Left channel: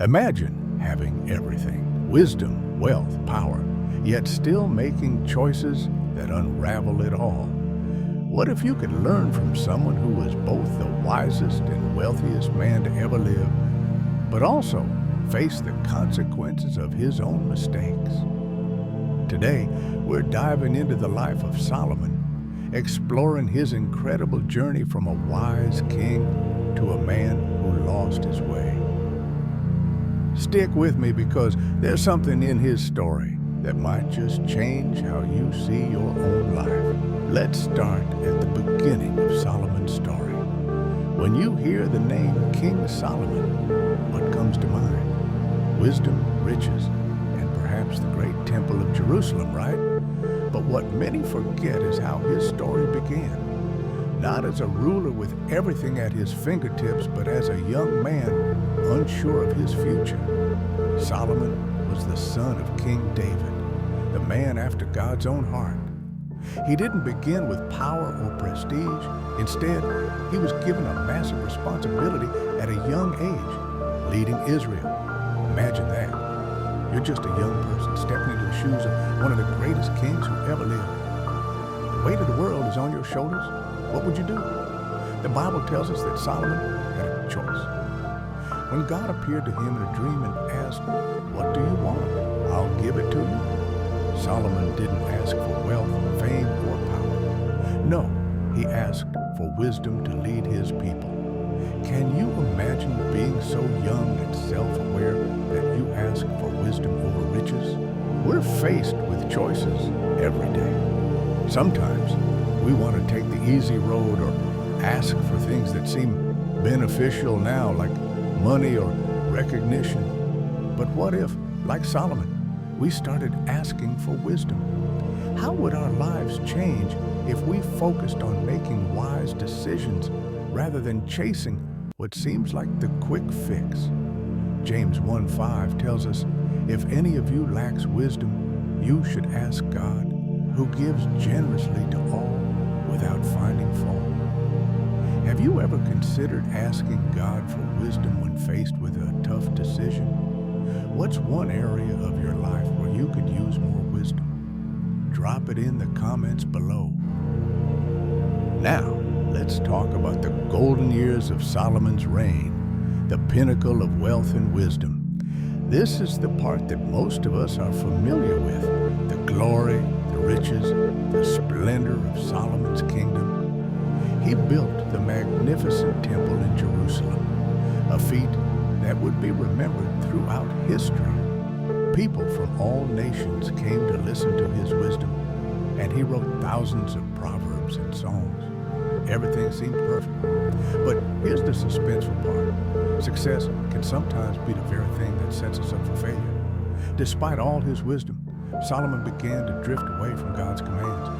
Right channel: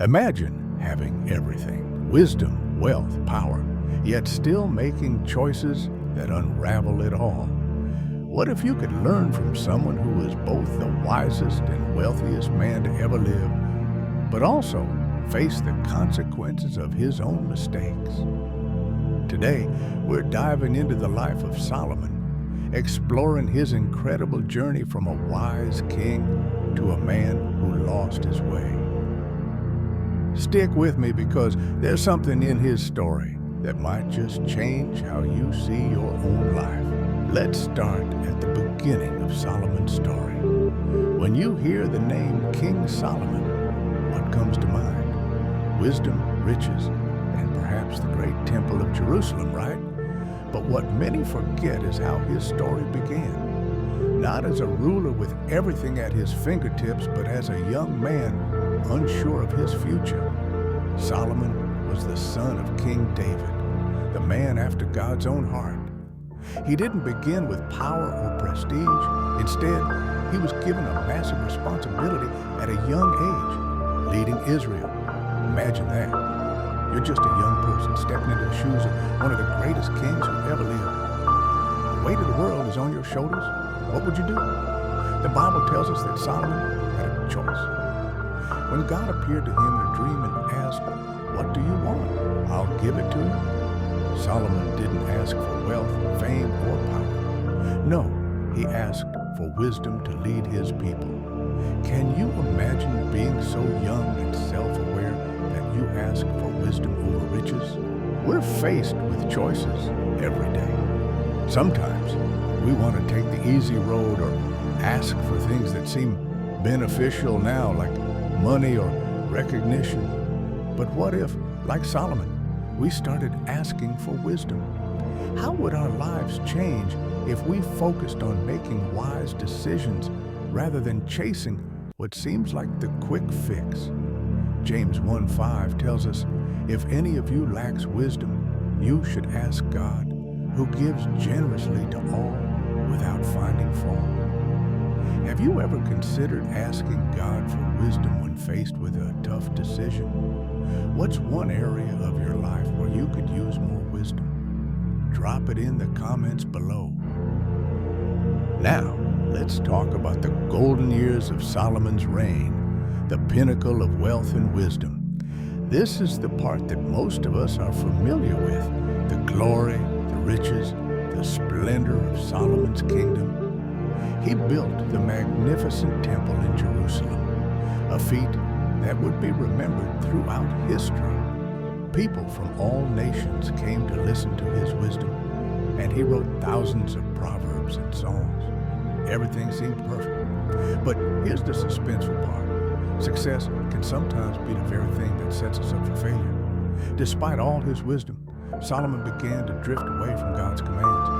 Imagine having everything, wisdom, wealth, power, yet still making choices that unravel it all. What if you could learn from someone who was both the wisest and wealthiest man to ever live, but also face the consequences of his own mistakes? Today, we're diving into the life of Solomon, exploring his incredible journey from a wise king to a man who lost his way. Stick with me because there's something in his story that might just change how you see your own life. Let's start at the beginning of Solomon's story. When you hear the name King Solomon, what comes to mind? Wisdom, riches, and perhaps the great temple of Jerusalem, right? But what many forget is how his story began. Not as a ruler with everything at his fingertips, but as a young man unsure of his future. Solomon was the son of King David, the man after God's own heart. He didn't begin with power or prestige. Instead, he was given a massive responsibility at a young age, leading Israel. Imagine that. You're just a young person stepping into the shoes of one of the greatest kings who ever lived. The weight of the world is on your shoulders. What would you do? The Bible tells us that Solomon had a choice. When God appeared to him in a dream and asked, "What do you want? I'll give it to you." Solomon didn't ask for wealth, fame, or power. No, he asked for wisdom to lead his people. Can you imagine being so young and self-aware that you ask for wisdom over riches? We're faced with choices every day. Sometimes we want to take the easy road or ask for things that seem beneficial now, like money or recognition. But what if, like Solomon, we started asking for wisdom? How would our lives change if we focused on making wise decisions rather than chasing what seems like the quick fix? James 1:5 tells us, "If any of you lacks wisdom, you should ask God, who gives generously to all without finding fault." Have you ever considered asking God for wisdom when faced with a tough decision? What's one area of your life where you could use more wisdom? Drop it in the comments below. Now, let's talk about the golden years of Solomon's reign, the pinnacle of wealth and wisdom. This is the part that most of us are familiar with, the glory, the riches, the splendor of Solomon's kingdom. He built the magnificent temple in Jerusalem, a feat that would be remembered throughout history. People from all nations came to listen to his wisdom, and he wrote thousands of proverbs and songs. Everything seemed perfect. But here's the suspenseful part. Success can sometimes be the very thing that sets us up for failure. Despite all his wisdom, Solomon began to drift away from God's commands.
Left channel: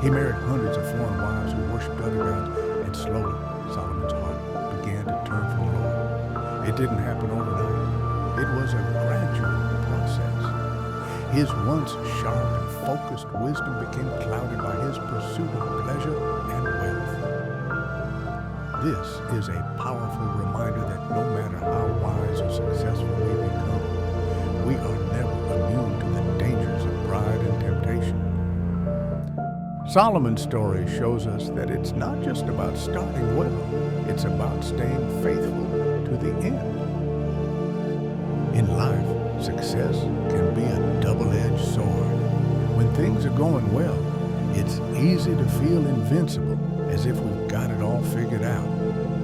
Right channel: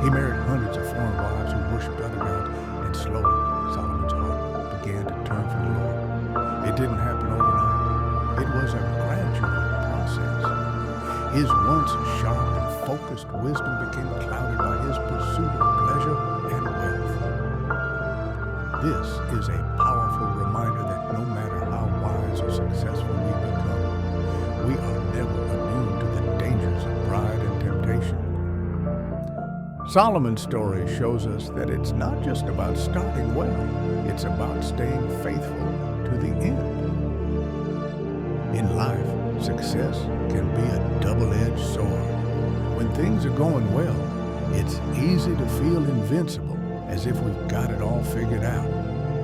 He married hundreds of foreign wives who worshiped other gods, and slowly Solomon's heart began to turn from the Lord. It didn't happen overnight. It was a gradual process. His once sharp and focused wisdom became clouded by his pursuit of pleasure and wealth. This is a powerful reminder that no matter how wise or successful we become, we are never immune to the dangers of pride and temptation. Solomon's story shows us that it's not just about starting well, it's about staying faithful to the end. In life, success can be a double-edged sword. When things are going well, it's easy to feel invincible, as if we've got it all figured out.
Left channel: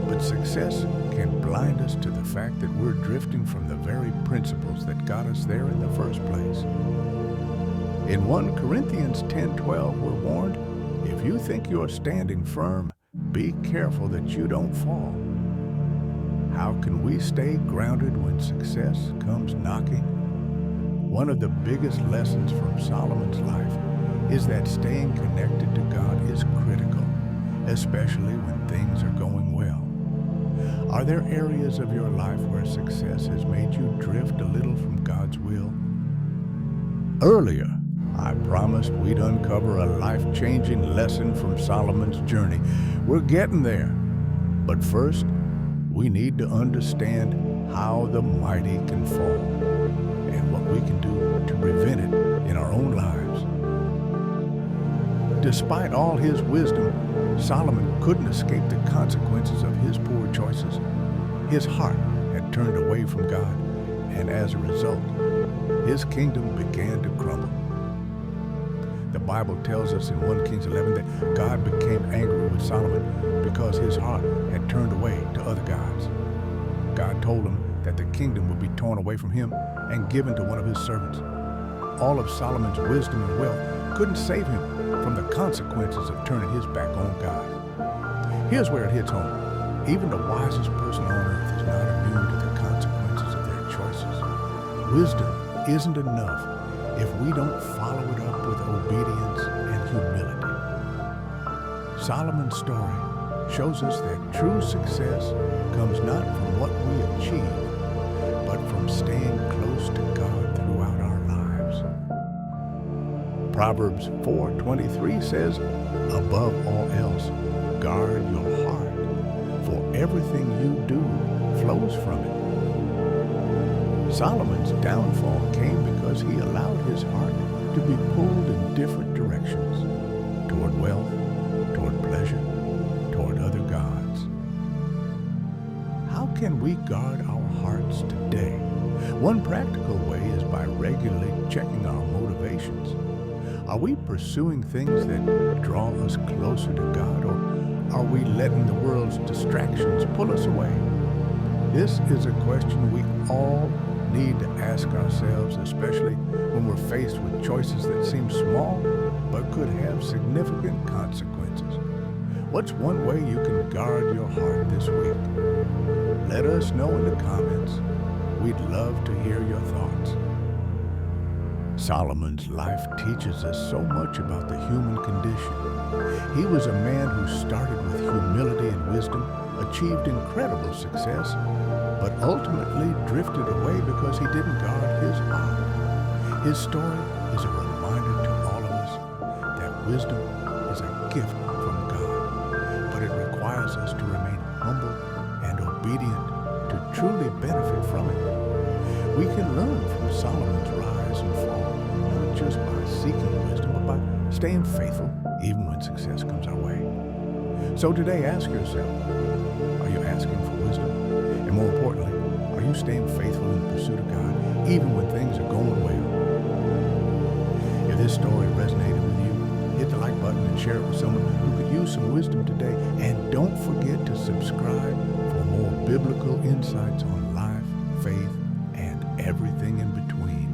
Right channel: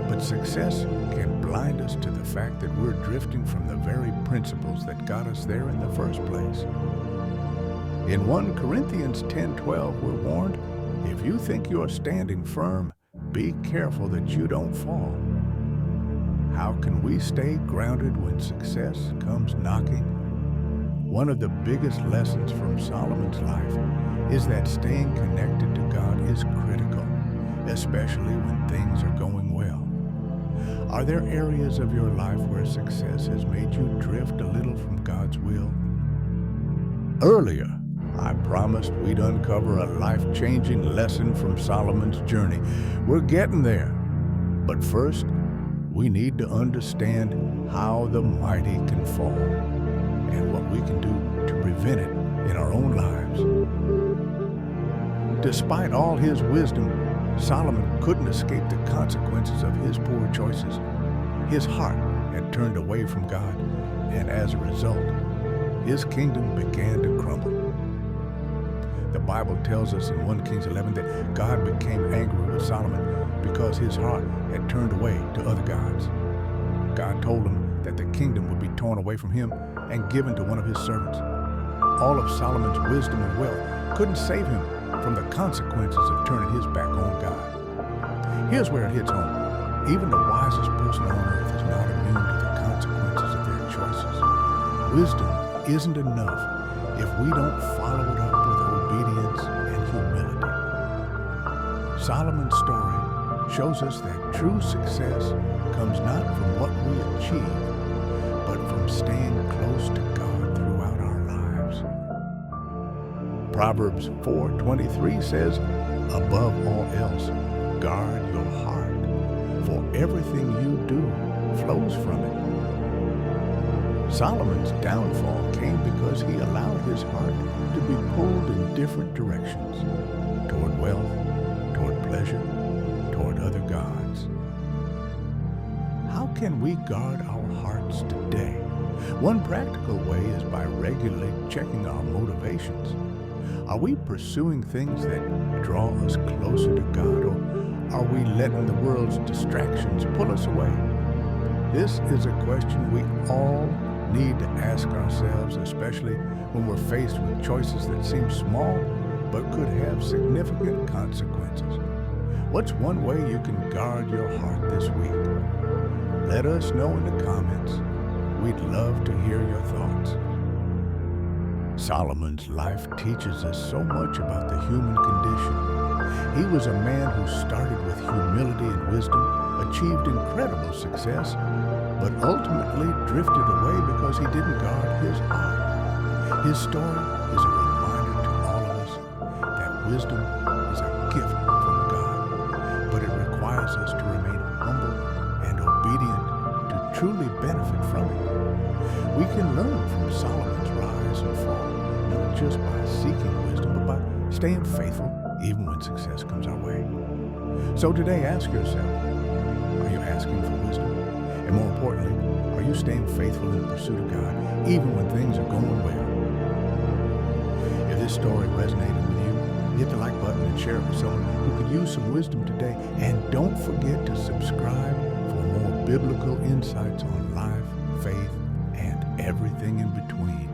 But success can blind us to the fact that we're drifting from the very principles that got us there in the first place. In 1 Corinthians 10:12, we're warned, "If you think you're standing firm, be careful that you don't fall." How can we stay grounded when success comes knocking? One of the biggest lessons from Solomon's life is that staying connected to God is critical, especially when things are going well. Are there areas of your life where success has made you drift a little from God's will? Earlier, I promised we'd uncover a life-changing lesson from Solomon's journey. We're getting there. But first, we need to understand how the mighty can fall and what we can do to prevent it in our own lives. Despite all his wisdom, Solomon couldn't escape the consequences of his poor choices. His heart had turned away from God, and as a result, his kingdom began to crumble. The Bible tells us in 1 Kings 11 that God became angry with Solomon because his heart had turned away to other gods. God told him that the kingdom would be torn away from him and given to one of his servants. All of Solomon's wisdom and wealth couldn't save him from the consequences of turning his back on God. Here's where it hits home. Even the wisest person on earth is not immune to the consequences of their choices. Wisdom isn't enough if we don't follow it up with obedience and humility. Solomon's story shows us that true success comes not from what we achieve, but from staying close to God throughout our lives. Proverbs 4:23 says, "Above all else, guard your heart, for everything you do flows from it." Solomon's downfall came because he allowed his heart to be pulled in different directions, toward wealth, toward pleasure, toward other gods. How can we guard our hearts today? One practical way is by regularly checking our motivations. Are we pursuing things that draw us closer to God, or are we letting the world's distractions pull us away? This is a question we all need to ask ourselves, especially when we're faced with choices that seem small but could have significant consequences. What's one way you can guard your heart this week? Let us know in the comments. We'd love to hear your thoughts. Solomon's life teaches us so much about the human condition. He was a man who started with humility and wisdom, achieved incredible success, but ultimately drifted away because he didn't guard his heart. His story is a reminder to all of us that wisdom is a gift from God, but it requires us to remain humble and obedient to truly benefit from it. We can learn from Solomon's rise and fall, not just by seeking wisdom, but by staying faithful even when success comes our way. So today, ask yourself, are you asking for wisdom? And more importantly, are you staying faithful in the pursuit of God even when things are going well? If this story resonated with you, hit the like button and share it with someone who could use some wisdom today. And don't forget to subscribe for more biblical insights on life, faith, and everything in between.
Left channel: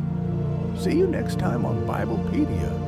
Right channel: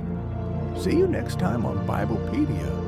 See you next time on Biblepedia.